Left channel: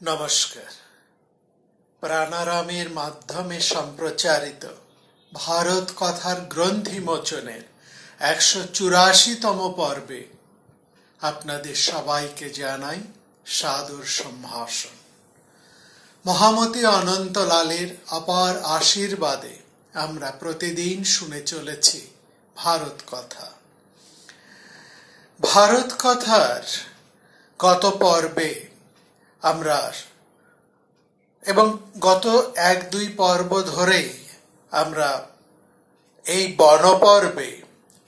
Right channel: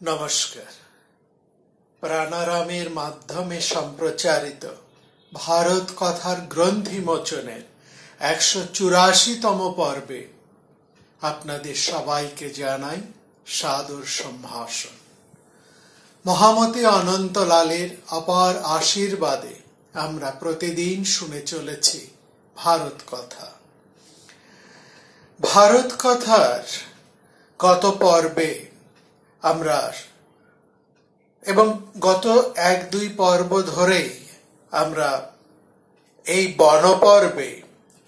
নমস্কার। প্রাণারামের মাধ্যমে সম্প্রচারিত ভারত কথার গ্রন্থি মোচনের 184তম পর্বে আপনাদের সবাইকে জানাই সাদর সম্ভাষণ। মহামতি অনন্তলালের অপার আশীর্বাদে আমরা প্রতিদিন শুনে চলেছি ভারত কথা। ভারত কথার গত পর্বে আমরা এবং গত 1-2 পর্ব ধরে আমরা এই বনপর্বে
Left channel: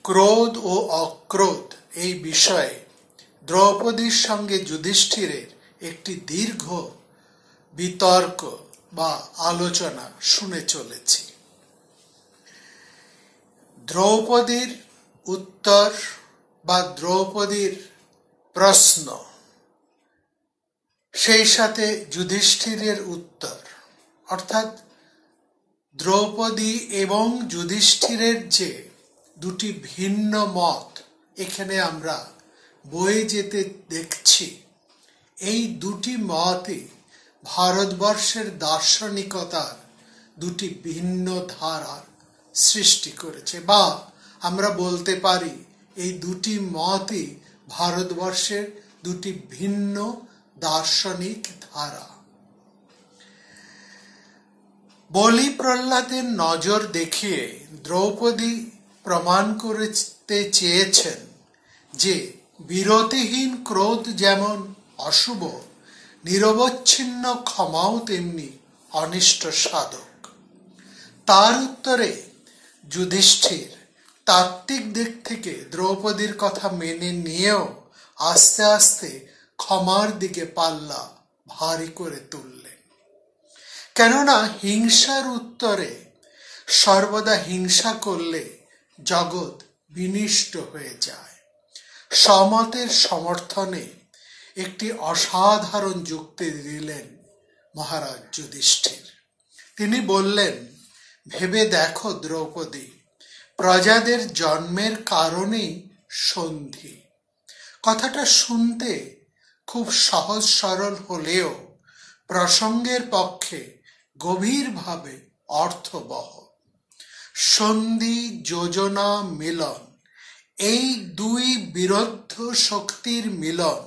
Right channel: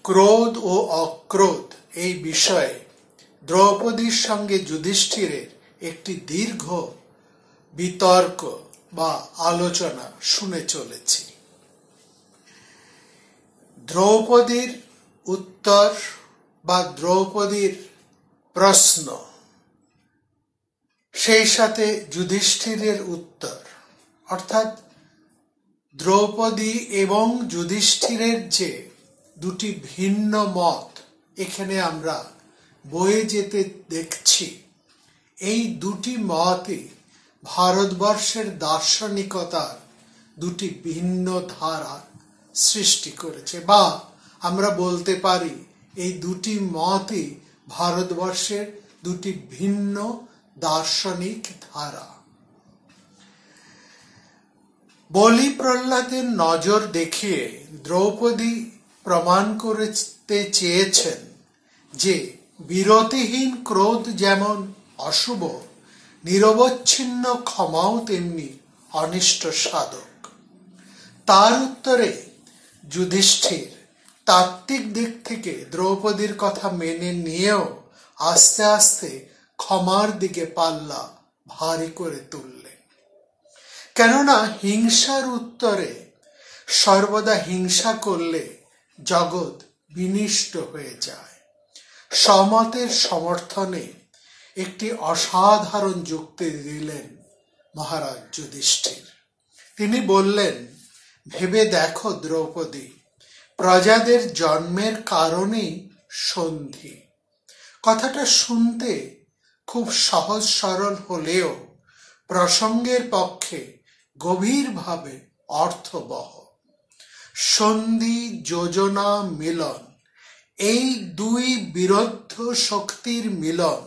ক্রোধ ও অক্রোধ এই বিষয়ে দ্রৌপদীর সঙ্গে যুধিষ্ঠিরের একটি দীর্ঘ বিতর্ক বা আলোচনা শুনে চলেছি। দ্রৌপদীর উত্তর বা দ্রৌপদীর প্রশ্ন, সেই সাথে যুধিষ্ঠিরের উত্তর, অর্থাৎ দ্রৌপদী এবং যুধিষ্ঠিরের যে দুটি ভিন্ন মত এখানে আমরা বয়ে যেতে দেখছি, এই দুটি মতই ভারতবর্ষের দার্শনিকতার দুটি ভিন্ন ধারা সৃষ্টি করেছে, বা আমরা বলতে পারি এই দুটি মতই ভারতবর্ষের দুটি ভিন্ন দার্শনিক ধারা। বলি প্রহ্লাদের নজর দেখিয়ে দ্রৌপদী প্রমাণ করতে চেয়েছেন যে বিরতিহীন ক্রোধ যেমন অশুভ, নিরবচ্ছিন্ন ক্ষমাও তেমনি অনিষ্ট সাধক। তার উত্তরে যুধিষ্ঠির তাত্ত্বিক দিক থেকে দ্রৌপদীর কথা মেনে নিয়েও আস্তে আস্তে ক্ষমার দিকে পাল্লা ভারী করে তুললেন। কেননা হিংসার উত্তরে সর্বদা হিংসা করলে জগৎ বিনষ্ট হয়ে যায়। সমতের সমর্থনে একটি অসাধারণ যুক্তি দিলেন মহারাজ যুধিষ্ঠির। তিনি বললেন, ভেবে দেখো দ্রৌপদী, প্রজাদের জন্মের কারণেই সন্ধি। কথাটা শুনতে খুব সহজ সরল হলেও প্রসঙ্গের পক্ষে গভীরভাবে অর্থবহ। সন্ধি, যোজনা, মিলন, এই দুই বিরুদ্ধ শক্তির মিলন।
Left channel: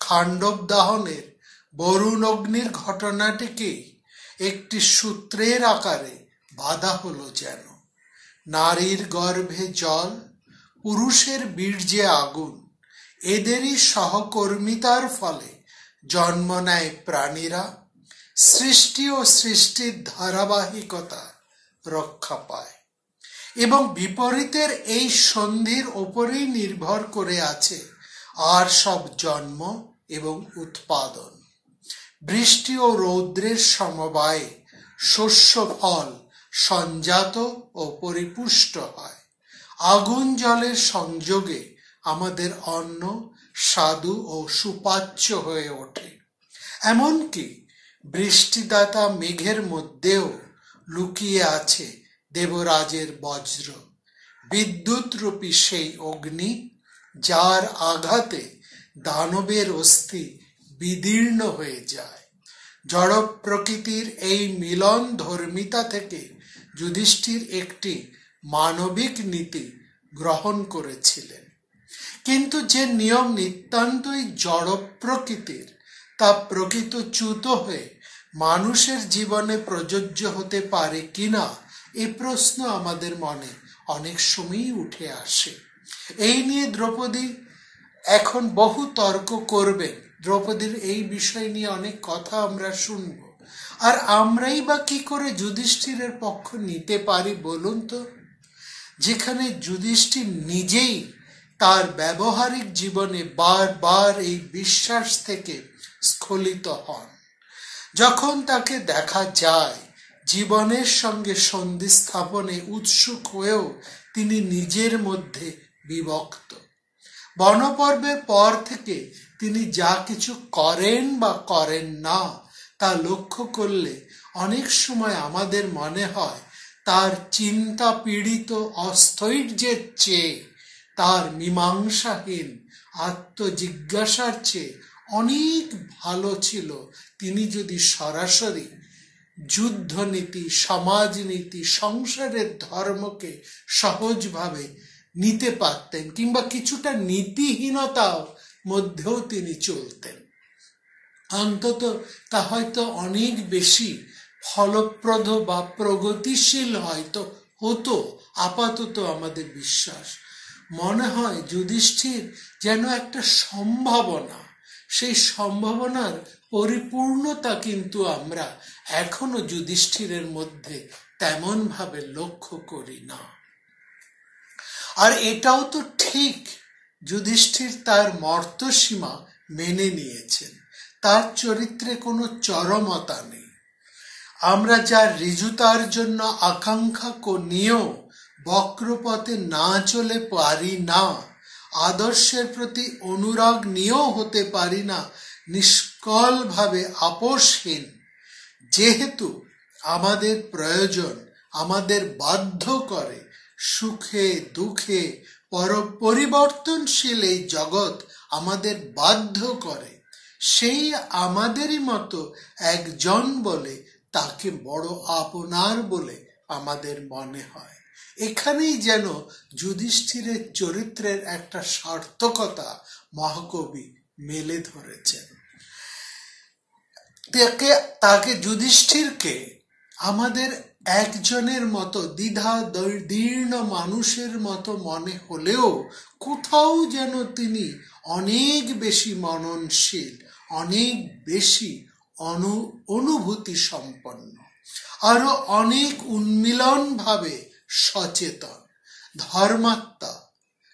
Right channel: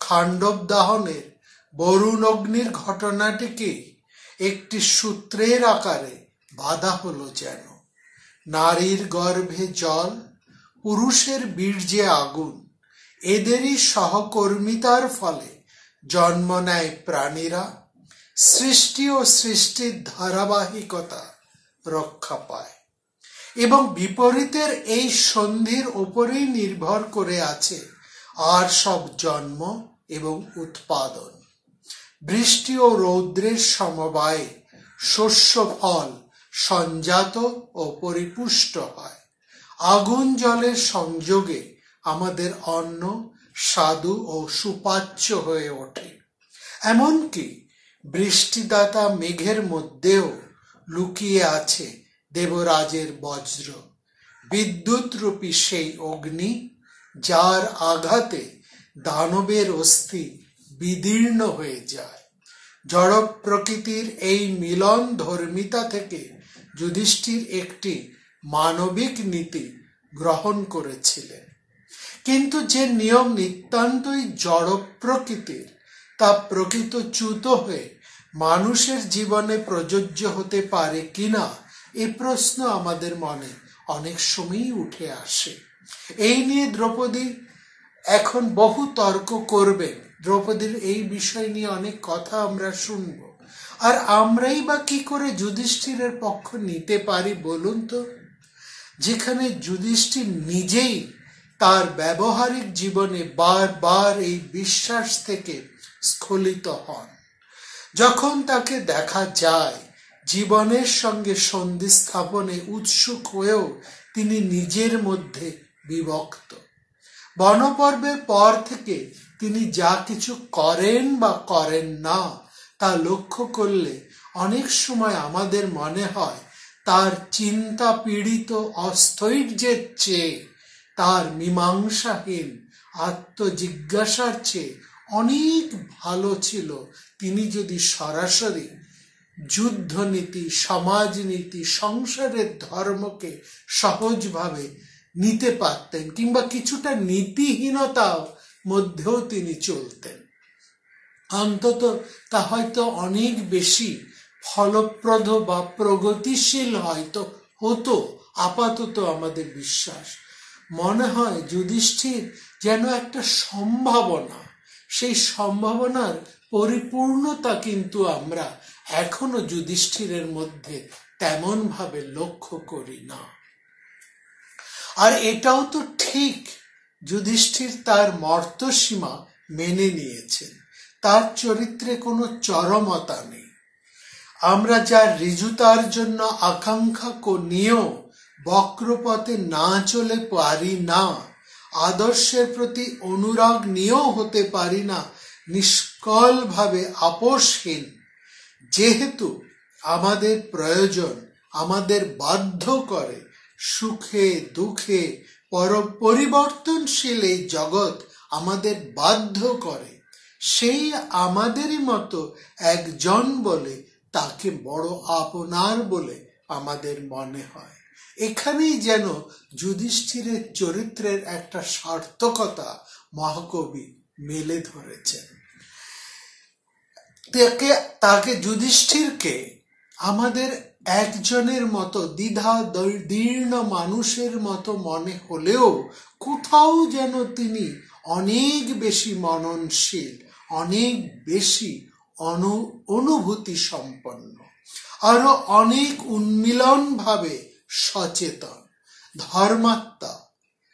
খাণ্ডব দাহনের বরুণ অগ্নির ঘটনাটিকে একটি সূত্রের আকারে বাঁধা হলো যেন। নারীর গর্ভে জল, পুরুষের বীর্যে আগুন, এদেরই সহকর্মিতার ফলে জন্ম নেয় প্রাণীরা। সৃষ্টি ও সৃষ্টির ধারাবাহিকতা রক্ষা পায় এবং বিপরীতের এই সন্ধির উপরেই নির্ভর করে আছে আর সব জন্ম এবং উৎপাদন। বৃষ্টি ও রৌদ্রের সমবায়ে শস্য ফল সঞ্জাত ও পরিপুষ্ট হয়। আগুন জলের সংযোগে আমাদের অন্ন স্বাদু ও সুপাচ্য হয়ে ওঠে। এমনকি বৃষ্টিদাতা মেঘের মধ্যেও লুকিয়ে আছে দেবরাজের বজ্র, বিদ্যুৎ রূপী সেই অগ্নি, যার আঘাতে দানবের অস্থি বিদীর্ণ হয়ে যায়। জড় প্রকৃতির এই মিলন ধর্মিতা থেকে যুধিষ্ঠির একটি মানবিক নীতি গ্রহণ করেছিলেন। কিন্তু যে নিয়ম নিতান্তই জড় প্রকৃতির, তা প্রকৃতচ্যুত হয়ে মানুষের জীবনে প্রযোজ্য হতে পারে কিনা, এ প্রশ্ন আমাদের মনে অনেক সময়ই উঠে আসে। এই নিয়ে দ্রৌপদী এখন বহু তর্ক করবেন। দ্রৌপদীর এই বিষয় নিয়ে অনেক কথা আমরা শুনব। আর আমরাই বা কি করে যুধিষ্ঠিরের পক্ষ নিতে পারি বলুন তো? যেখানে যুধিষ্ঠির নিজেই তার ব্যবহারিক জীবনে বারবার এই বিশ্বাস থেকে স্খলিত হন। যখন তাকে দেখা যায় জীবনের সঙ্গে সন্ধি স্থাপনে উৎসুক হয়েও তিনি নিজের মধ্যে বিভক্ত। বনপর্বের পর থেকে তিনি যা কিছু করেন বা করেন না, তা লক্ষ্য করলে অনেক সময় আমাদের মনে হয় তার চিন্তা পীড়িত অস্থৈর্যের চেয়ে তার মীমাংসাহীন আত্মজিজ্ঞাসার চেয়ে অনেক ভালো ছিল তিনি যদি সরাসরি যুদ্ধনীতি, সমাজনীতি, সংসারের ধর্মকে সহজভাবে নিতে পারতেন, কিংবা কিছুটা নীতিহীনতার মধ্যেও তিনি চলতেন। অন্তত তা হয়তো অনেক বেশি ফলপ্রদ বা প্রগতিশীল হয়তো হতো, আপাতত আমাদের বিশ্বাস। মনে হয় যুধিষ্ঠির যেন একটা সম্ভাবনা, সেই সম্ভাবনার পরিপূর্ণতা কিন্তু আমরা এখনো যুধিষ্ঠিরের মধ্যে তেমন ভাবে লক্ষ্য করি না। আর এটাও তো ঠিক, যুধিষ্ঠির তার মর্তসীমা মেনে নিয়েছেন, তার চরিত্রে কোনো চরমতা নেই। আমরা যার ঋজুতার জন্য আকাঙ্ক্ষা নিয়েও বক্রপথে না চলে পারি না, আদর্শের প্রতি অনুরাগ নিয়েও হতে পারি না নিষ্কল ভাবে আপোষহীন, যেহেতু আমাদের প্রয়োজন আমাদের বাধ্য করে, সুখে দুঃখে পরিবর্তনশীল এই জগৎ আমাদের বাধ্য করে, সেই আমাদেরই মতো একজন বলে তাকে বড় আপনার বলে আমাদের মনে হয়। এখানেই যেন যুধিষ্ঠিরের চরিত্রের একটা সার্থকতা মহাকবি মেলে ধরেছেন। তাকে যুধিষ্ঠিরকে আমাদের একজনের মতো দ্বিধা দীর্ণ মানুষের মতো মনে হলেও কোথাও যেন তিনি অনেক বেশি মননশীল, অনেক বেশি অনুভূতি সম্পন্ন, আরো অনেক উন্মিলন ভাবে সচেতন, ধর্মাত্মা,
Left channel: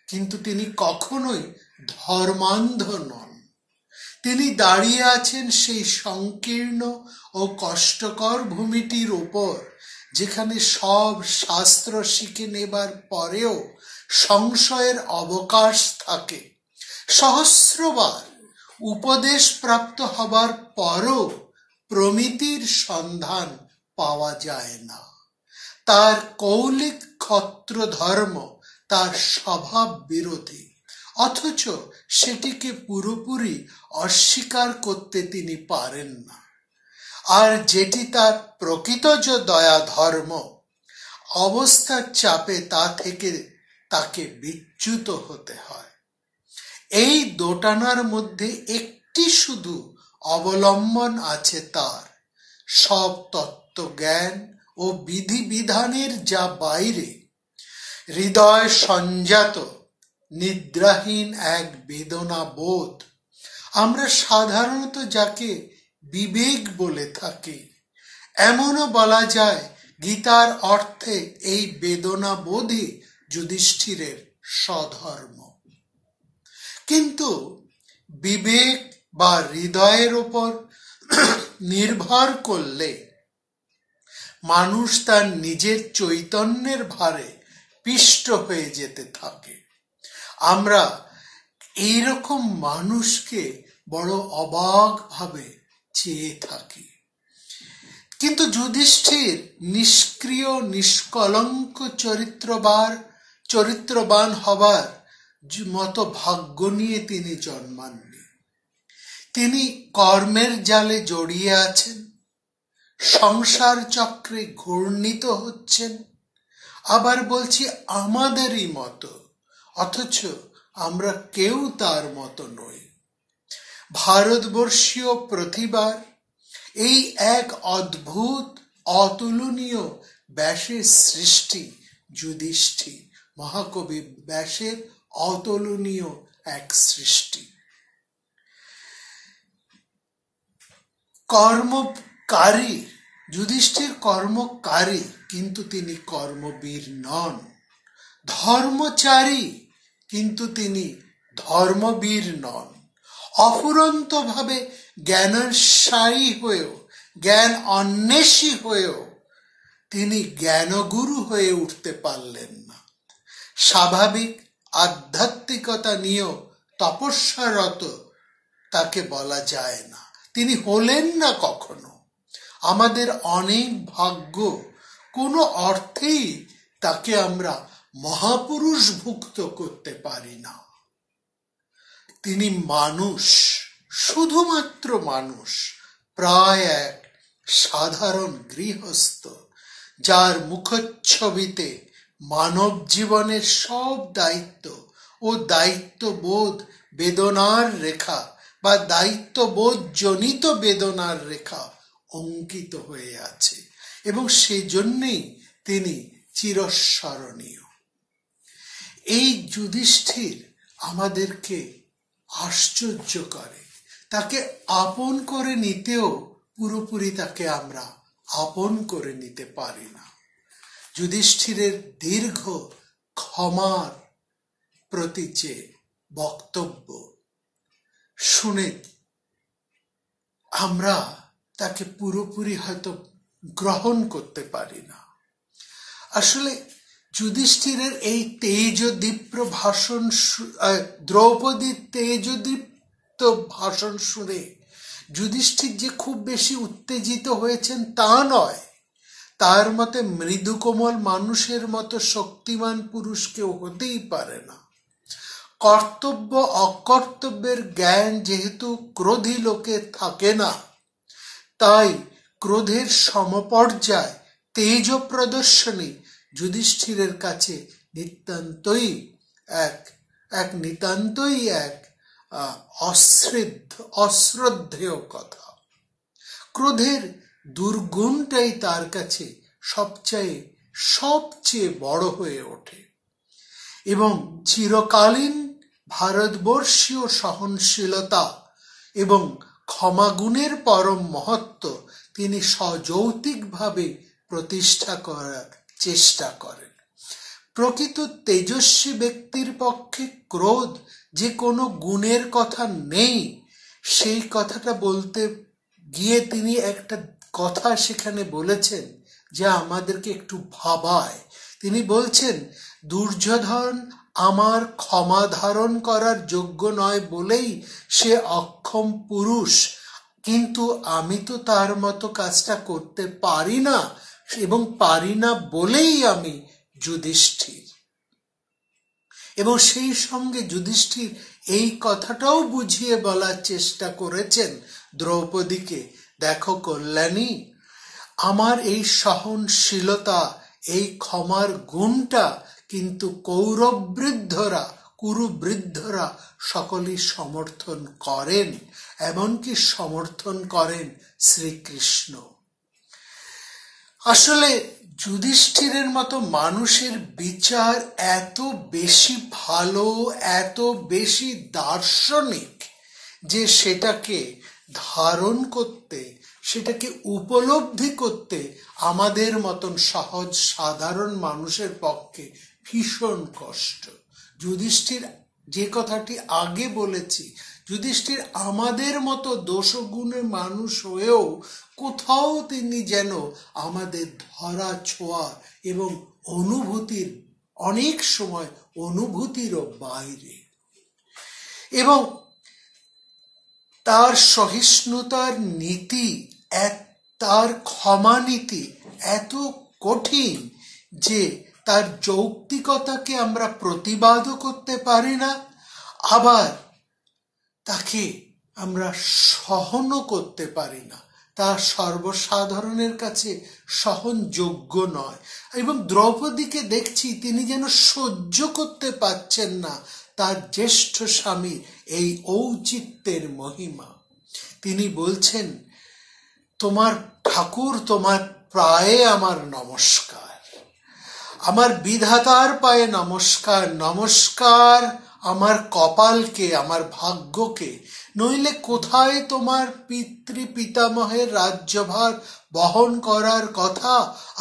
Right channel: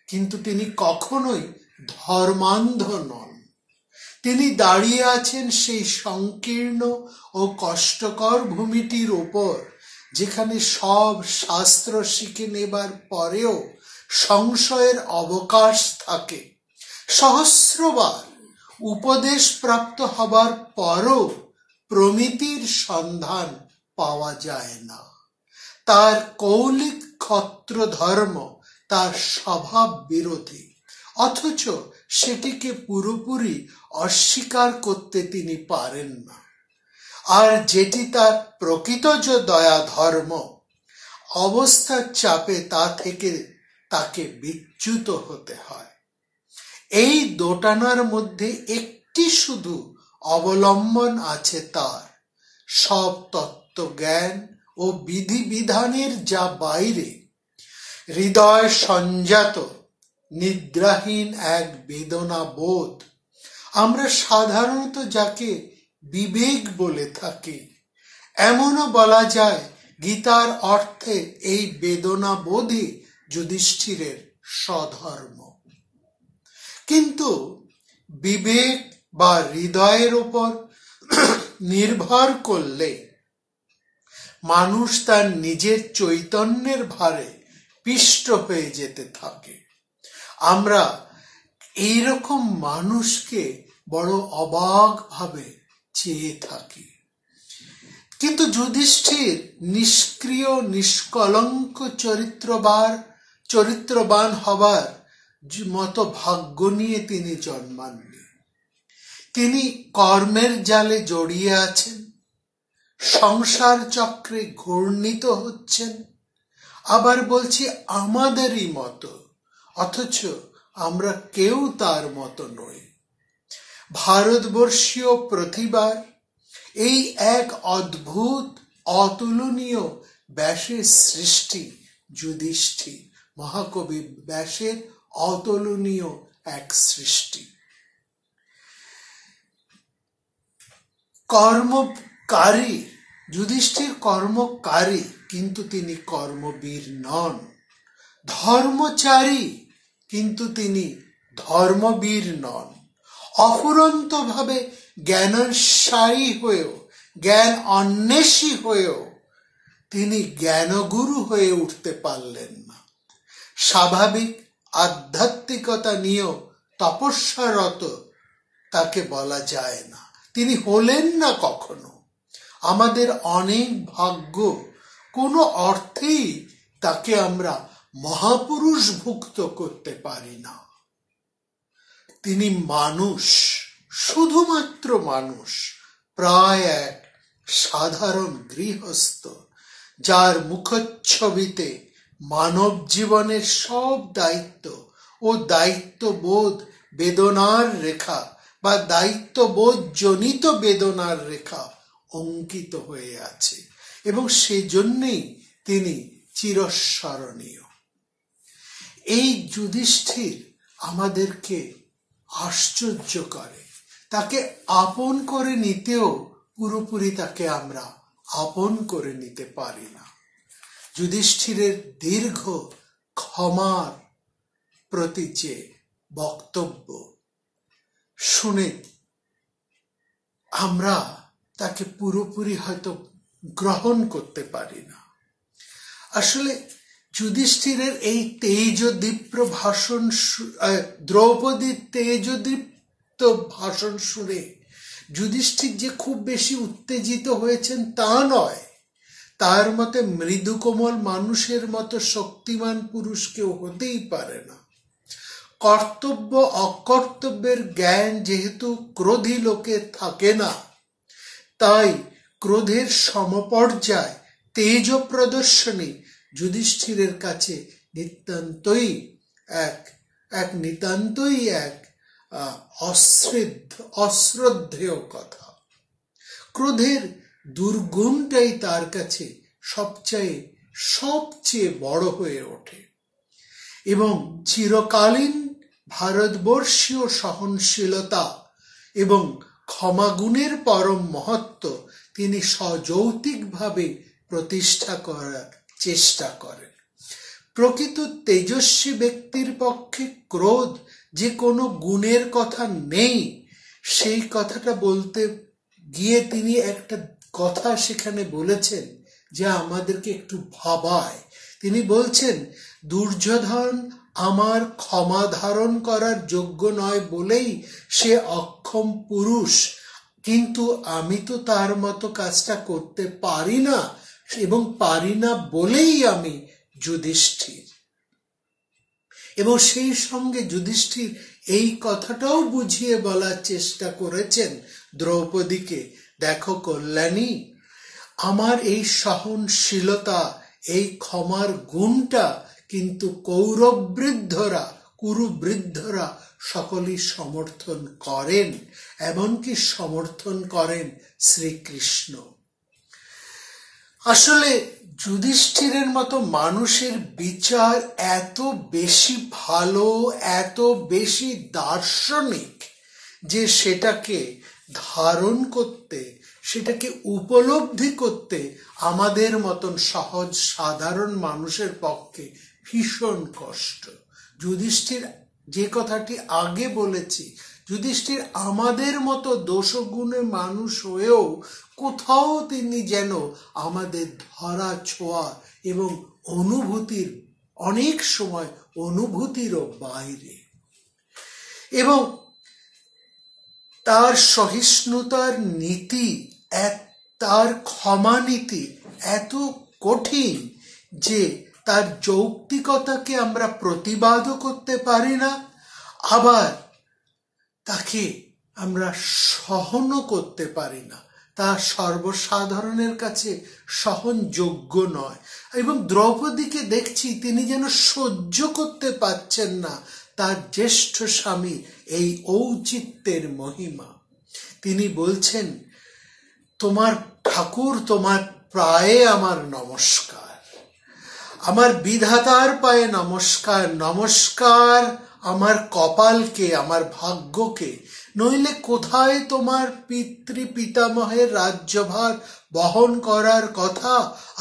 কিন্তু তিনি কখনোই ধর্মান্ধ নন। তিনি দাঁড়িয়ে আছেন সেই সংকীর্ণ ও কষ্টকর ভূমিটির উপর, যেখানে সব শাস্ত্র শিখে নেবার পরেও সংশয়ের অবকাশ থাকে, সহস্রবার উপদেশ প্রাপ্ত হবার পরও প্রমিতির সন্ধান পাওয়া যায় না। তার কৌলিক ক্ষত্র ধর্ম তার স্বভাব বিরোধী, অথচ সেটিকে পুরোপুরি অস্বীকার করতে তিনি পারেন না। আর যেটি তার প্রকৃত দয়া ধর্ম, অবস্থার চাপে তা থেকে তাকে বিচ্যুত হতে হয়। এই দোটানার মধ্যে একটি শুধু অবলম্বন আছে তার, সব তত্ত্বজ্ঞান ও বিধিবিধানের যা বাইরে, হৃদয় সঞ্জাত নিদ্রাহীন এক বেদনা বোধ। আমরা সাধারণত যাকে বিবেক বলে থাকি, এমনও বলা যায় গীতার অর্থে এই বেদনা বোধই যুধিষ্ঠিরের স্বধর্ম। কিন্তু বিবেক বা হৃদয়ের উপর নির্ভর করলে মানুষ তার নিজের চৈতন্যের ভারে পিষ্ট হয়ে যেতে থাকে। আমরা এইরকম মানুষকে বড় অবাক ভাবে চেয়ে থাকি। কিন্তু যুধিষ্ঠির নিষ্ক্রিয় নিষ্কলঙ্ক চরিত্রবান হবার মতো ভাগ্য নিয়ে তিনি জন্মাননি। তিনি কর্মের জালে জড়িয়ে আছেন, সংসার চক্রে ঘূর্ণিত হচ্ছেন, আবার বলছি আমাদেরই মতো, অথচ আমরা কেউ তার মতো নই। ভারতবর্ষীয় প্রতিভার এই এক অদ্ভুত অতুলনীয় ব্যাসের সৃষ্টি যুধিষ্ঠির, মহাকবি ব্যাসের অতুলনীয় এক সৃষ্টি। কর্মকারী যুধিষ্ঠির কর্মকারী, কিন্তু তিনি কর্মবীর নন। ধর্মচারী, কিন্তু তিনি ধর্মবীর নন। অফুরন্ত ভাবে জ্ঞানসায়ী হয়েও, জ্ঞান অন্বেষী হয়েও তিনি জ্ঞানগুরু হয়ে উঠতে পারলেন না। স্বাভাবিক আধ্যাত্মিকতা নিয়েও তপস্যারত তাকে বলা যায় না, তিনি হলেন না কখনো। আমাদের অনেক ভাগ্য, কোনো অর্থেই তাকে আমরা মহাপুরুষ ভুক্ত করতে পারি না। তিনি মানুষ, শুধুমাত্র মানুষ, প্রায় এক সাধারণ গৃহস্থ, যার মুখচ্ছবিতে মানব জীবনের সব দায়িত্ব ও দায়িত্ববোধ বেদনার রেখা বা দায়িত্ববোধ জনিত বেদনার রেখা অঙ্কিত হয়ে আছে, এবং সেজন্যই তিনি চিরস্মরণীয়। এই যুধিষ্ঠির আমাদেরকে আশ্চর্য করে। তাকে আপন করে নিতেও পুরোপুরি তাকে আমরা আপন করে নিতে পারি না। যুধিষ্ঠিরের দীর্ঘ ক্ষমার প্রতি যে বক্তব্য শুনে আমরা তাকে পুরোপুরি হয়তো গ্রহণ করতে পারি না। আসলে যুধিষ্ঠিরের এই তেজদীপ্ত ভাষণ, দ্রৌপদীর তেজদীপ্ত ভাষণ শুনে যুধিষ্ঠির যে খুব বেশি উত্তেজিত হয়েছেন তা নয়। তার মতে মৃদু কোমল মানুষের মতো শক্তিমান পুরুষ কেউ হতেই পারে না। কর্তব্য অকর্তব্যের জ্ঞান যেহেতু ক্রোধী লোকে থাকে না, তাই ক্রোধের সমপর্যায় তেজ প্রদর্শনী যুধিষ্ঠিরের কাছে নিতান্তই এক অশ্রদ্ধেয় কথা। ক্রোধের দুর্গুণটাই তার কাছে সবচেয়ে বড় হয়ে ওঠে, এবং চিরকালীন ভারতবর্ষীয় সহনশীলতা এবং ক্ষমাগুণের পরম মহত্ব তিনি সযৌক্তিকভাবে প্রতিষ্ঠা করার চেষ্টা করেন। প্রকৃত তেজস্বী ব্যক্তির পক্ষে ক্রোধ যে কোনো গুণের কথা নেই, সেই কথাটা বলতে গিয়ে তিনি একটা কথা সেখানে বলেছেন যা আমাদেরকে একটু ভাবায়। তিনি বলছেন, দুর্যোধন আমার ক্ষমা ধারণ করার যোগ্য নয় বলেই সে অক্ষম পুরুষ, কিন্তু আমি তো তার মতো কাজটা করতে পারি না, এবং পারি না বলেই আমি যুধিষ্ঠির। এবং সেই সঙ্গে যুধিষ্ঠির এই কথাটাও বুঝিয়ে বলার চেষ্টা করেছেন দ্রৌপদীকে, দেখো কল্যাণী, আমার এই সহনশীলতা, এই ক্ষমার গুণটা কিন্তু কুরুবৃদ্ধরা সকলেই সমর্থন করেন, এমনকি সমর্থন করেন শ্রীকৃষ্ণ। আসলে যুধিষ্ঠিরের মতো মানুষের বিচার এত বেশি ভালো, এত বেশি দার্শনিক যে সেটাকে ধারণ করতে, সেটাকে উপলব্ধি করতে আমাদের মতন সহজ সাধারণ মানুষের পক্ষে ভীষণ কষ্ট। যুধিষ্ঠির, যে কথাটি আগে বলেছি, যুধিষ্ঠির আমাদের মতো দোষগুণে মানুষ হয়েও কোথাও তিনি যেন আমাদের ধরা ছোঁয়া এবং অনুভূতির, অনেক সময় অনুভূতিরও বাইরে। এবং তার সহিষ্ণুতার নীতি, তার ক্ষমা নীতি এত কঠিন যে তার যৌক্তিকতাকে আমরা প্রতিবাদও করতে পারি না, আবার তাকে আমরা সহনও করতে পারি না। তা সর্বসাধারণের কাছে সহনযোগ্য নয়। এবং দ্রৌপদীকে দেখছি তিনি যেন সহ্য করতে পারছেন না তার জ্যেষ্ঠ স্বামী এই ঔচিত্যের মহিমা। তিনি বলছেন, তোমার ঠাকুর, তোমার পায়ে আমার নমস্কার, আমার বিধাতার পায়ে নমস্কার, নমস্কার আমার কপালকে, আমার ভাগ্যকে, নইলে কোথায় তোমার পিতামহের রাজ্যভার বহন করার কথা,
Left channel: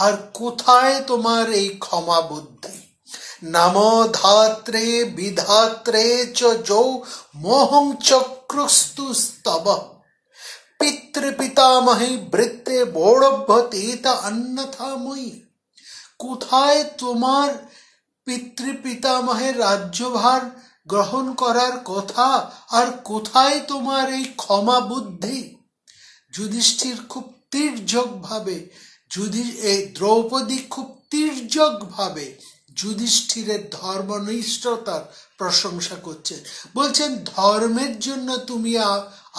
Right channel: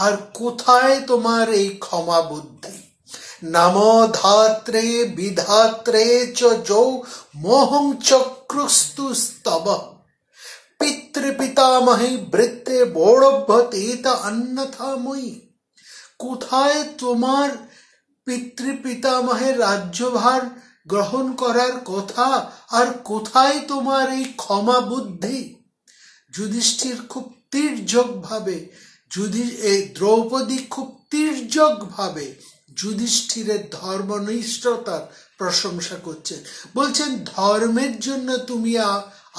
আর কোথায় তোমার এই ক্ষমা বুদ্ধি? নমো ধাত্রে বিধাত্রে চ যৌ মোহং চক্রস্তু স্তব পিতৃপিতামহী বৃত্তে বৌড়ভ্যতীত অন্যথাময়ী। কোথায় তোমার পিতৃপিতামহের রাজ্যভার গ্রহণ করার কথা, আর কোথায় তোমার এই ক্ষমা বুদ্ধি? যুধিষ্ঠির খুব তির্যক ভাবে, দ্রৌপদী খুব তির্যক ভাবে যুধিষ্ঠিরের ধর্মনিষ্ঠতার প্রশংসা করছেন, বলছেন ধর্মের জন্য তুমি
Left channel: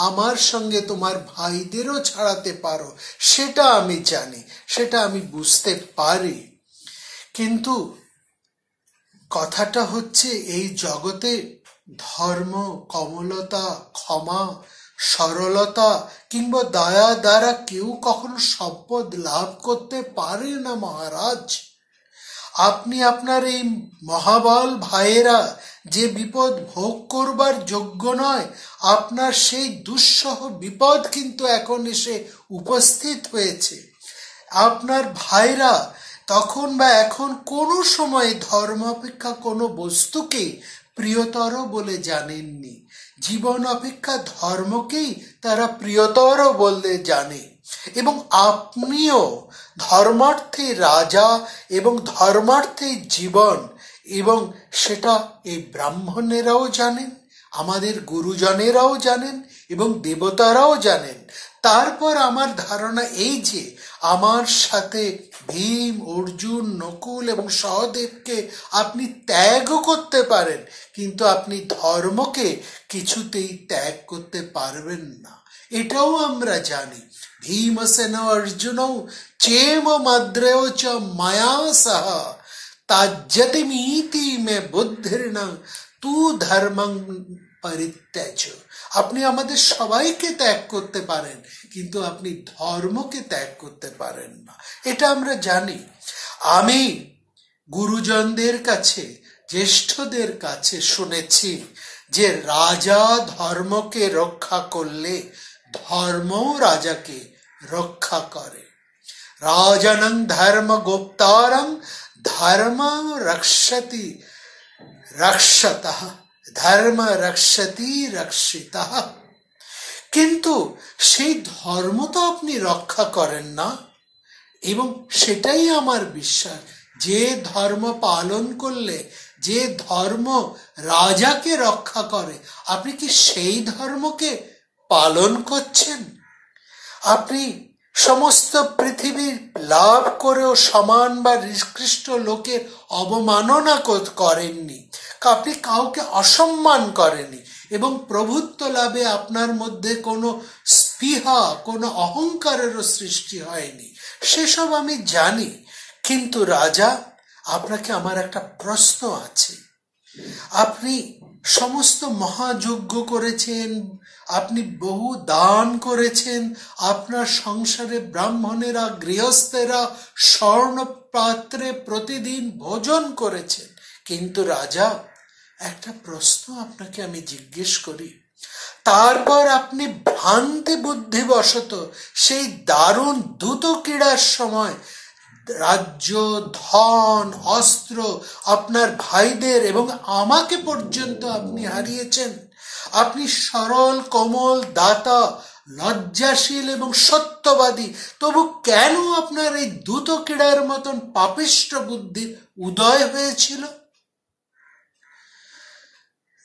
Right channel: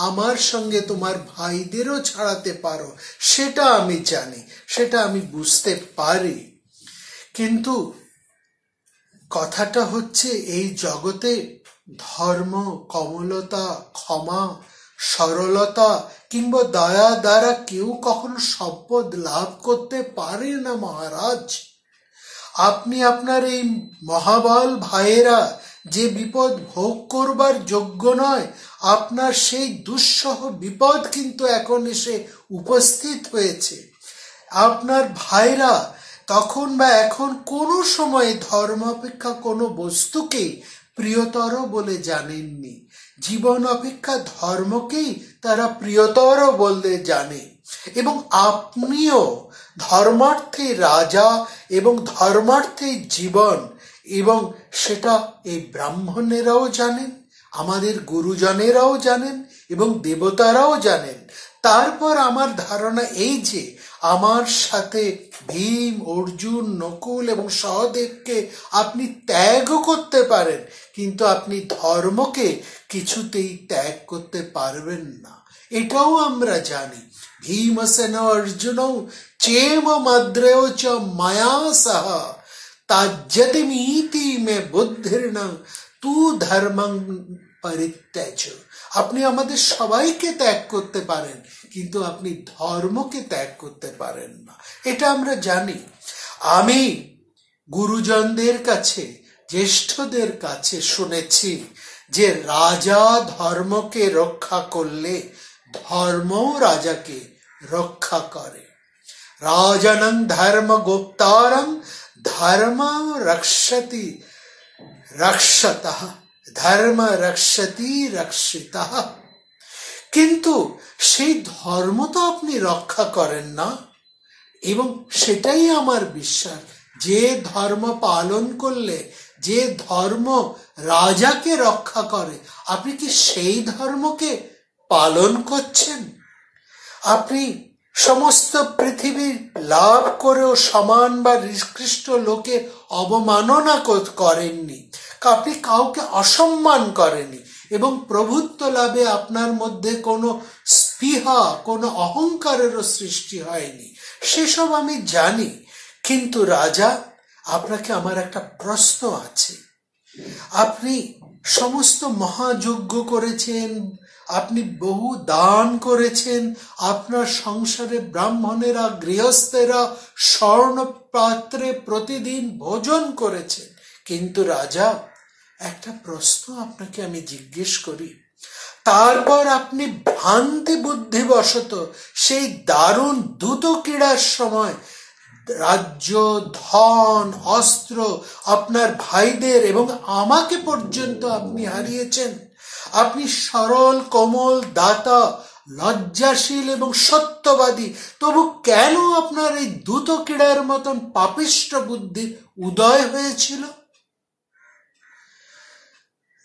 আমার সঙ্গে তোমার ভাইদেরও ছাড়াতে পারো, সেটা আমি জানি, সেটা আমি বুঝতে পারি। কিন্তু কথাটা হচ্ছে এই জগতে ধর্ম, কমলতা, ক্ষমা, সরলতা কিংবা দয়া দ্বারা কেউ কখনো সম্পদ লাভ করতে পারে না মহারাজ। আপনি আপনার এই মহাবল ভাইয়েরা যে বিপদ ভোগ করবার যোগ্য নয়, আপনার সেই দুঃসহ বিপদ কিন্তু এখন এসে উপস্থিত হয়েছে। আপনার ভাইরা তখন বা এখন কোনো সময় ধর্ম অপেক্ষা কোনো বস্তুকে প্রিয়তর বলে জানেননি। জীবন অপেক্ষা ধর্মকেই তারা প্রিয়তর বলতে জানে। এবং আপনিও ধর্মার্থে রাজা এবং ধর্মার্থে জীবন, এবং সেটা এই ব্রাহ্মণেরাও জানেন, আমাদের গুরুজনেরাও জানেন এবং দেবতারাও জানেন। তারপর আমার ধারণা এই যে আমার সাথে ভীম, অর্জুন, নকুল এবং সহদেবকে আপনি ত্যাগ করতে পারেন, কিন্তু আপনি ধর্মকে কিছুতেই ত্যাগ করতে পারবেন না, এটাও আমরা জানি। ভীমসেন অর্জুন চেম মদ্রেও চ মায়া সহ তাজ্যতি নীতি মে বুদ্ধির্ন তু ধর্মং পরিত্যাজ। আপনি আমাদের সবাইকে ত্যাগ করতে পারেন, কিন্তু আপনি ধর্মকে ত্যাগ করতে পারেন না, এটা আমরা জানি। আমি গুরুজনদের কাছে, জ্যেষ্ঠদের কাছে শুনেছি যে রাজা ধর্মকে রক্ষা করলে ধর্মও রাজাকে রক্ষা করে। রাজনং ধর্ম গুপ্তারং ধর্ম রক্ষতি রক্ষতঃ, ধর্ম রক্ষতি রক্ষিতঃ। কিন্তু সেই ধর্ম তো আপনি রক্ষা করেন না, এবং সেটাই আমার বিশ্বাস, যে ধর্ম পালন করলে, যে ধর্ম রাজাকে রক্ষা করে, আপনি কি সেই ধর্মকে পালন করছেন? আপনি সমস্ত পৃথিবী লাভ করেও সমান বা নিকৃষ্ট লোকের অবমাননা করেননি, আপনি কাউকে অসম্মান করেননি, এবং প্রভুত্ব লাভে আপনার মধ্যে কোনো স্পৃহা, কোনো অহংকারেরও সৃষ্টি হয়নি, সেসব আমি জানি। কিন্তু রাজা, আপনাকে আমার একটা প্রশ্ন আছে। আপনি সমস্ত মহাযজ্ঞ করেছেন, আপনি বহু দান করেছেন, আপনার সংসারে ব্রাহ্মণেরা, গৃহস্থেরা স্বর্ণ পাত্রে প্রতিদিন ভোজন করেছেন। কিন্তু রাজা, একটা প্রশ্ন আপনাকে আমি জিজ্ঞেস করি, তারপর আপনি ভ্রান্তি বুদ্ধিবশত সেই দারুণ দ্রুত ক্রীড়ার সময় রাজ্য, ধন, অস্ত্র, আপনার ভাইদের এবং আমাকে পর্যন্ত আপনি হারিয়েছেন। আপনি সরল, কোমল, দাতা, লজ্জাশীল এবং সত্যবাদী, তবু কেন আপনার এই দ্রুত ক্রীড়ার মতন পাপিষ্ঠ বুদ্ধি উদয় হয়েছিল?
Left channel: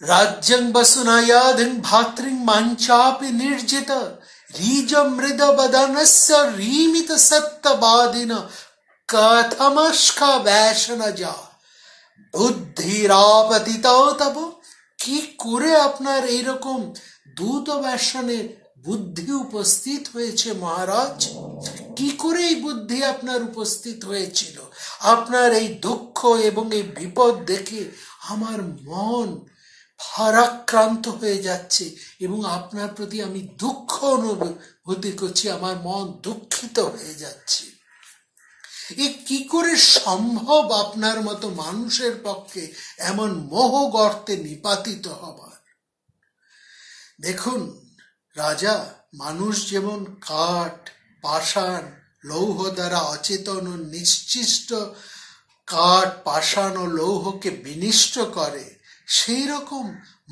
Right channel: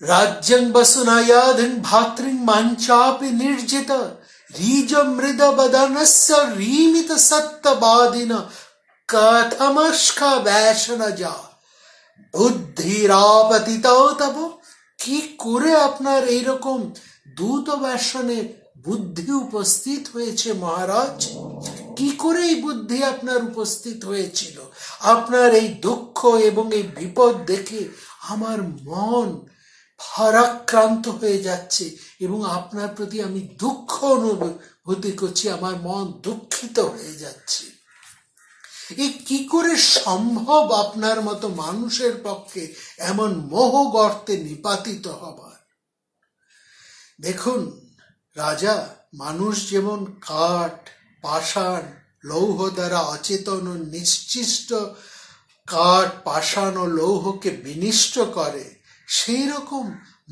রাজ্যং বসুনায়াধিন ভাতৃং মাঞ্চাপি নির্জিত রিজ মৃদ বদনস্য রিমিত সত্যবাদিন কথমস্কা ব্যাসন যা বুদ্ধিরাপতিত তব। কি করে আপনার এইরকম দ্রুত ব্যাসনের বুদ্ধি উপস্থিত হয়েছে মহারাজ? কি করে এই বুদ্ধি আপনার উপস্থিত হয়েছিল? আপনার এই দুঃখ এবং এই বিপদ দেখে আমার মন ভারাক্রান্ত হয়ে যাচ্ছে, এবং আপনার প্রতি আমি দুঃখ অনুভূতি করছি, আমার মন দুঃখিত হয়ে যাচ্ছে। এই কি করে সম্ভব আপনার মতো মানুষের পক্ষে এমন মোহ গর্তে নিপাতিত হবার? দেখুন রাজা, মানুষ যেমন কাঠ, পাষাণ, লৌহ দ্বারা অচেতন ও নিশ্চিষ্ট কাঠ, পাষাণ ও লৌহকে বিনিষ্ট করে, সেই রকম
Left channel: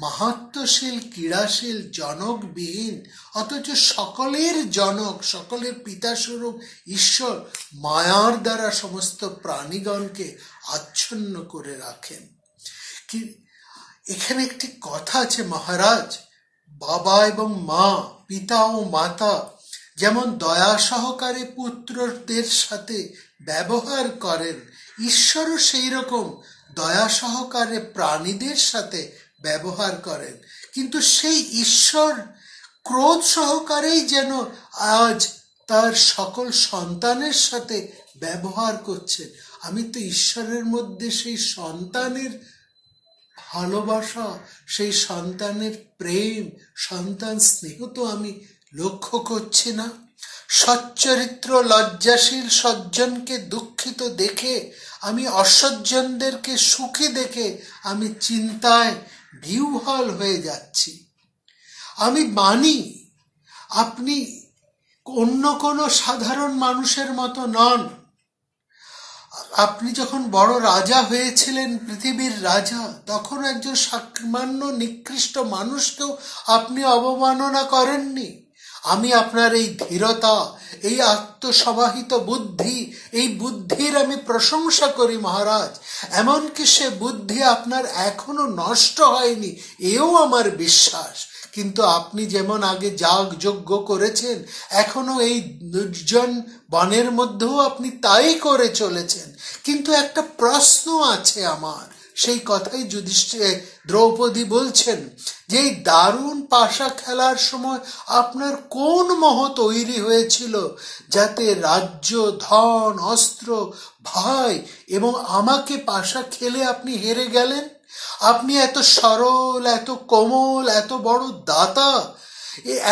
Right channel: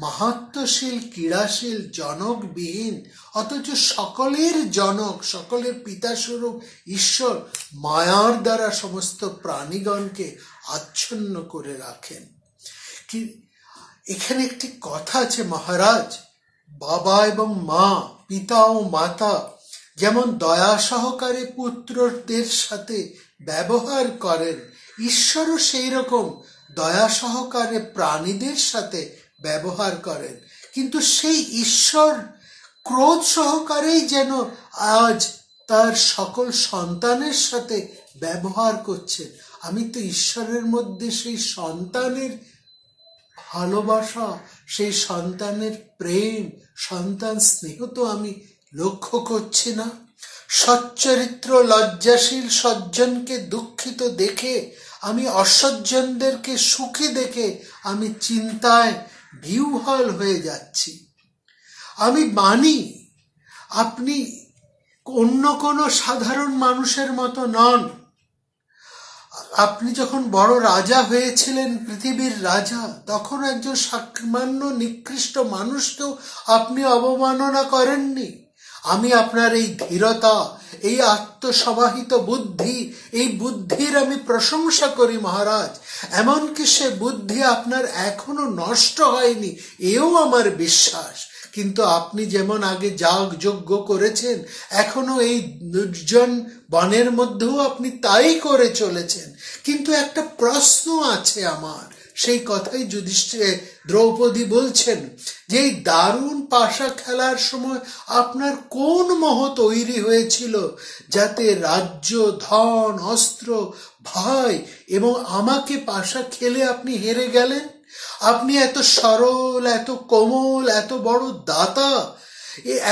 মাহাত্ম্যশীল, ক্রীড়াশীল, জনকবিহীন অথচ সকলের জনক, সকলের পিতাস্বরূপ ঈশ্বর মায়ার দ্বারা সমস্ত প্রাণীগণকে আচ্ছন্ন করে রাখেন। এখানে একটি কথা আছে মহারাজ, বাবা এবং মা, পিতা ও মাতা যেমন দয়া সহকারে পুত্রদের সাথে ব্যবহার করেন, ঈশ্বরও সেই রকম দয়া সহকারে প্রাণীদের সাথে ব্যবহার করেন, কিন্তু সেই ঈশ্বর ক্রোধ সহকারেই যেন আজ তার সকল সন্তানের সাথে ব্যবহার করছেন। আমি তো ঈশ্বরের মধ্যে সেই সন্তানের ভালোবাসা, সেই সন্তানের প্রেম, সন্তান স্নেহ তো আমি লক্ষ্য করছি না। সচ্চরিত্র লজ্জাশীল সজ্জনকে দুঃখিত দেখে, আমি অসজ্জনদেরকে সুখী দেখে আমি চিন্তায় বিহ্বল হয়ে যাচ্ছি। আমি মানি আপনি অন্য কোনো সাধারণ মানুষের মতো নন। আপনি যখন বড় রাজা হয়েছিলেন, পৃথিবীর রাজা, তখন একজন সামান্য নিকৃষ্ট মানুষকেও আপনি অবমাননা করেননি। আমি আপনার এই ধীরতা, এই আত্মসমাহিত বুদ্ধি, এই বুদ্ধির আমি প্রশংসা করি মহারাজ। এমনকি সে বুদ্ধি আপনার এখনো নষ্ট হয়নি, এও আমার বিশ্বাস। কিন্তু আপনি যেমন আগে যাগ যজ্ঞ করেছেন, এখনো এই নির্জন বনের মধ্যেও আপনি তাই করে চলেছেন। কিন্তু একটা প্রশ্ন আছে আমার, সেই কথাই যুধিষ্ঠির দ্রৌপদী বলছেন যে এই দারুণ পাশা খেলার সময় আপনার কোন মোহ তৈরি হয়েছিল, যাতে রাজ্য, ধন, অস্ত্র, ভাই এবং আমাকে পাশা খেলে আপনি হেরে গেলেন? আপনি এত সরল, এত কোমল, এত বড় দাতা,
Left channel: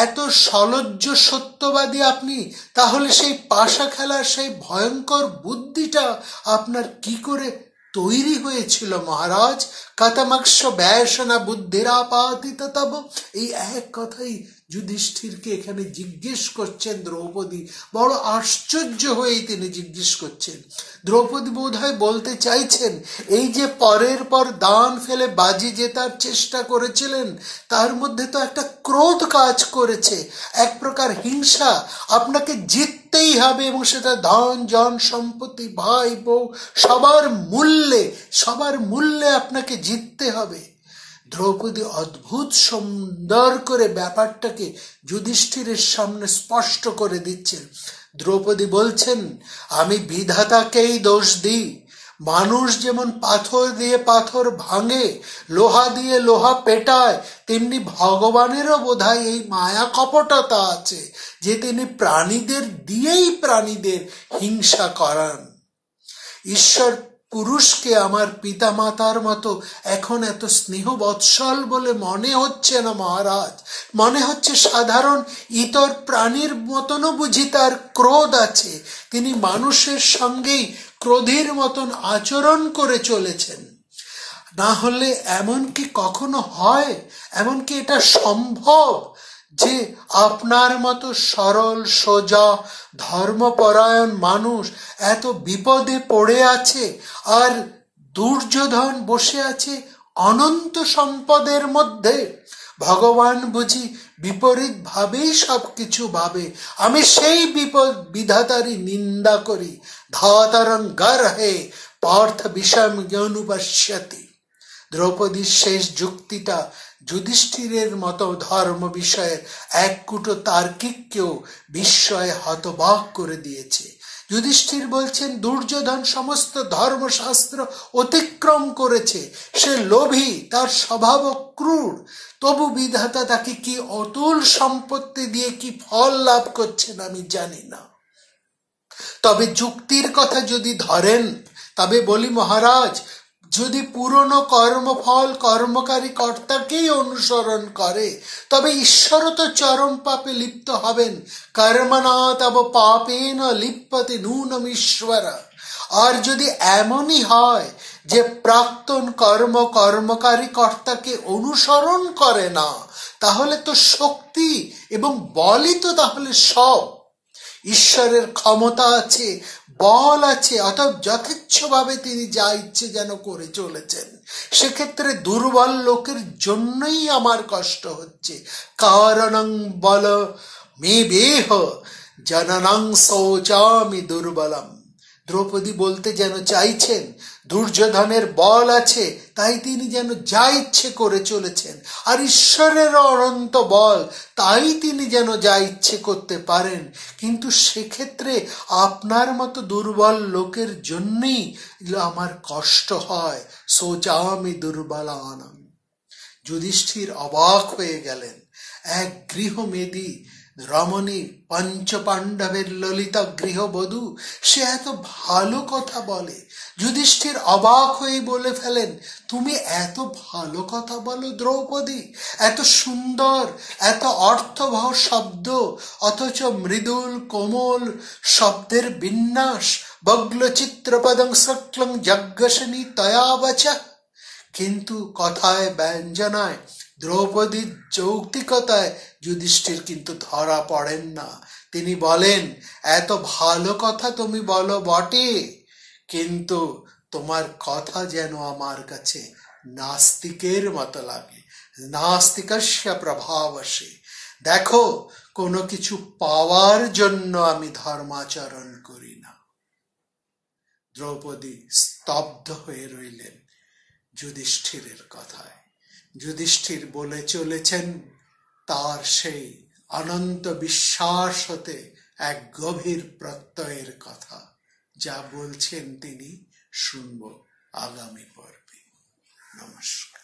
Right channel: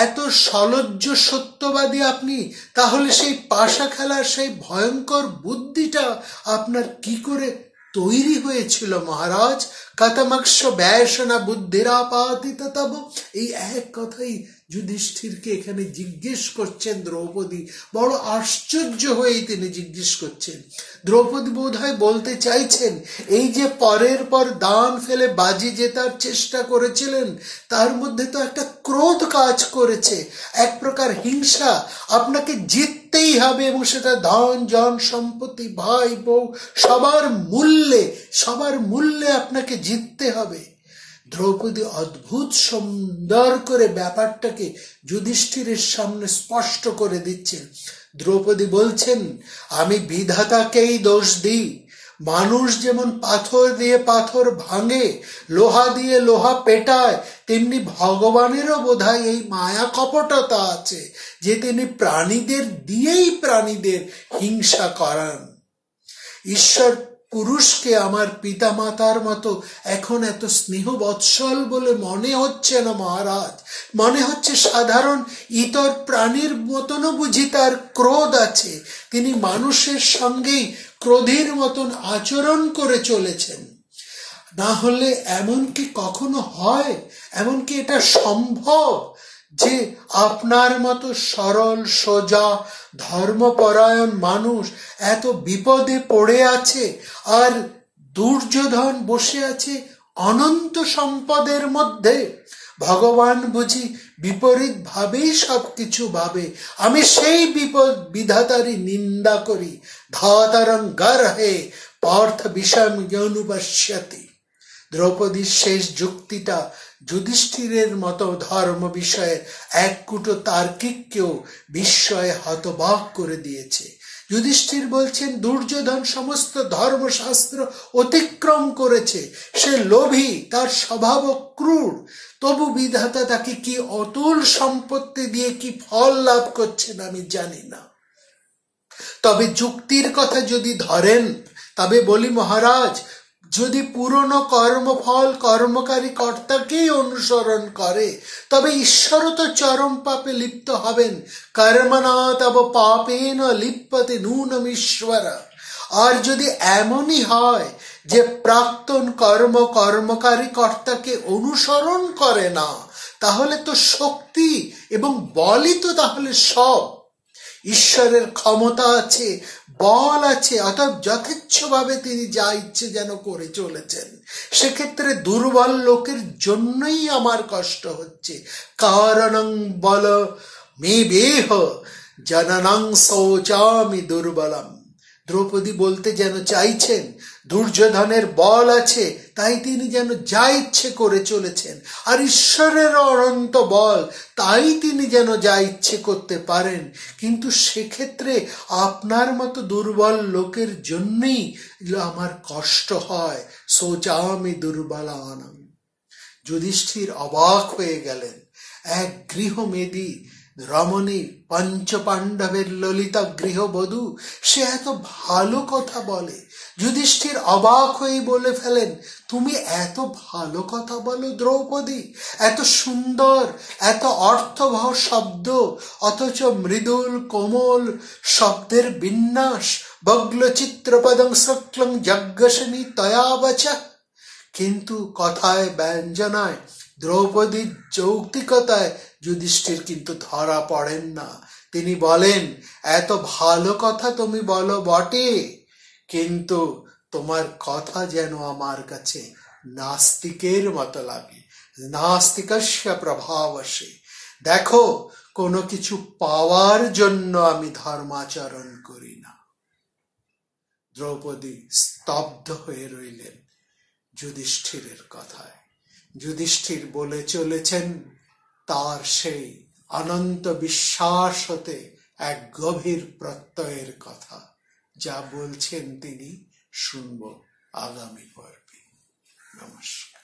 এত সলজ্জ সত্যবাদী আপনি, তাহলে সেই পাশা খেলার সেই ভয়ঙ্কর বুদ্ধিটা আপনার কি করে তৈরি হয়েছিল মহারাজ? কতমক্ষ ব্যয়সনা বুদ্ধিরাপাতিত তব। এই এক কথাই যুধিষ্ঠিরকে এখানে জিজ্ঞেস করছেন দ্রৌপদী। বড় আশ্চর্য হয়ে তিনি জিজ্ঞেস করছেন। দ্রৌপদী বোধহয় বলতে চাইছেন, এই যে পরের পর দান ফেলে বাজি জেতার চেষ্টা করেছিলেন, তার মধ্যে তো একটা ক্রোধ কাজ করেছে, এক প্রকার হিংসা। আপনাকে জিততেই হবে, এবং সেটা ধন, জন, সম্পত্তি, ভাই, বউ, সবার মূল্যে আপনাকে জিততে হবে। দ্রৌপদী অদ্ভুত সুন্দর করে ব্যাপারটাকে যুধিষ্ঠিরের সামনে স্পষ্ট করে দিচ্ছেন। দ্রৌপদী বলছেন, আমি বিধাতাকেই দোষ দিই। মানুষ যেমন পাথর দিয়ে পাথর ভাঙে, লোহা দিয়ে লোহা পেটায়, তেমনি ভগবানেরও বোধহয় এই মায়া কপটতা আছে যে তিনি প্রাণীদের দিয়েই প্রাণীদের হিংসা করান। ঈশ্বর পুরুষকে আমার পিতা মাতার মতো এখন এত স্নেহ বৎসল বলে মনে হচ্ছে না মহারাজ। মনে হচ্ছে সাধারণ ইতর প্রাণীর মতনও বুঝি তার ক্রোধ আছে। তিনি মানুষের সঙ্গেই ক্রোধের মতন আচরণ করে চলেছেন। না হলে এমন কি কখনো হয়? এমনকি এটা সম্ভব যে আপনার মতো সরল, সোজা, ধর্মপরায়ণ মানুষ এত বিপদে পড়ে আছে, আর দুর্যোধন বসে আছে অনন্ত সম্পদের মধ্যে? ভগবান বুঝি বিপরীত ভাবেই সবকিছু ভাবে। আমি সেই বিধাতারই নিন্দা করি। ধাতারং গর্হে পার্থ বিষম জ্ঞানুপশ্যতি। দ্রৌপদীর শেষ যুক্তিটা যুধিষ্ঠিরের মতো ধর্ম বিষয়ে এক কুটো তার্কিককেও বিস্ময়ে হতবাক করে দিয়েছে। যুধিষ্ঠির বলছেন, দুর্যোধন সমস্ত ধর্মশাস্ত্র অতিক্রম করেছে, সে লোভী, তার স্বভাব ক্রূর, তবু বিধাতা তাকে কি অতুল সম্পত্তি দিয়ে কি ফল লাভ করছেন আমি জানি না। তবে যুক্তির কথা যদি ধরেন, তবে বলি মহারাজ, যদি পুরনো কর্মফল কর্মকারী কর্তাকেই অনুসরণ করে, তবে ঈশ্বরও তো চরম পাপে লিপ্ত হবেন। কর্মণা তব পাপেন লিপ্যতে নূনম ঈশ্বর। আর যদি এমনই হয় যে প্রাক্তন কর্মকারী কর্তাকে অনুসরণ করে না, তাহলে তো শক্তি এবং বলই তো তাহলে সব। ঈশ্বরের ক্ষমতা আছে, বল আছে, অতএব যথেচ্ছভাবে তিনি যা ইচ্ছে যেন করে চলেছেন। সেক্ষেত্রে দুর্বল লোকের জন্যই আমার কষ্ট হচ্ছে। কারণং বল মে বেহ জননং শৌচামি দুর্বলম। দ্রৌপদী বলতে যেন চাইছেন দুর্যোধনের বল আছে, তাই তিনি যেন যা ইচ্ছে করে চলেছেন, আর ঈশ্বরের অনন্ত বল, তাই তিনি যেন যা ইচ্ছে করতে পারেন। কিন্তু সেক্ষেত্রে আপনার মতো দুর্বল লোকের জন্যই আমার কষ্ট হয়। সোচামি দুর্বলানাম। যুধিষ্ঠির অবাক হয়ে গেলেন। এক গৃহমেদী রমণী, পঞ্চপাণ্ডবের ললিতা গৃহবধূ, সে এত ভালো কথা বলে। যুধিষ্ঠির অবাক হয়ে বলে ফেলেন, তুমি এত ভালো কথা বলো দ্রৌপদী, এত সুন্দর, এত অর্থবহ শব্দ, অথচ মৃদুল কোমল শব্দের বিন্যাস, বগ্ল চিত্রপদং সক্লং যজ্ঞসনী তয়া বচা। কিন্তু কথায় ব্যঞ্জনায়, দ্রৌপদীর যৌক্তিকতায় যুধিষ্ঠির কিন্তু ধরা পড়েন না। তিনি বলেন, এত ভালো কথা তুমি বলো বটে, কিন্তু তোমার কথা যেন আমার কাছে নাস্তিকের মতো লাগে। নাস্তিকস্য প্রভাবসে। দেখো, কোনো কিছু পাওয়ার জন্য আমি ধর্মাচরণ করি না। দ্রৌপদী স্তব্ধ হয়ে রইলেন যুধিষ্ঠিরের কথায়। যুধিষ্ঠির বলে চলেছেন তার সেই অনন্ত বিশ্বাস হতে এক গভীর প্রত্যয়ের কথা। যা বলছেন তিনি শুনব আগামী পর্বে। নমস্কার।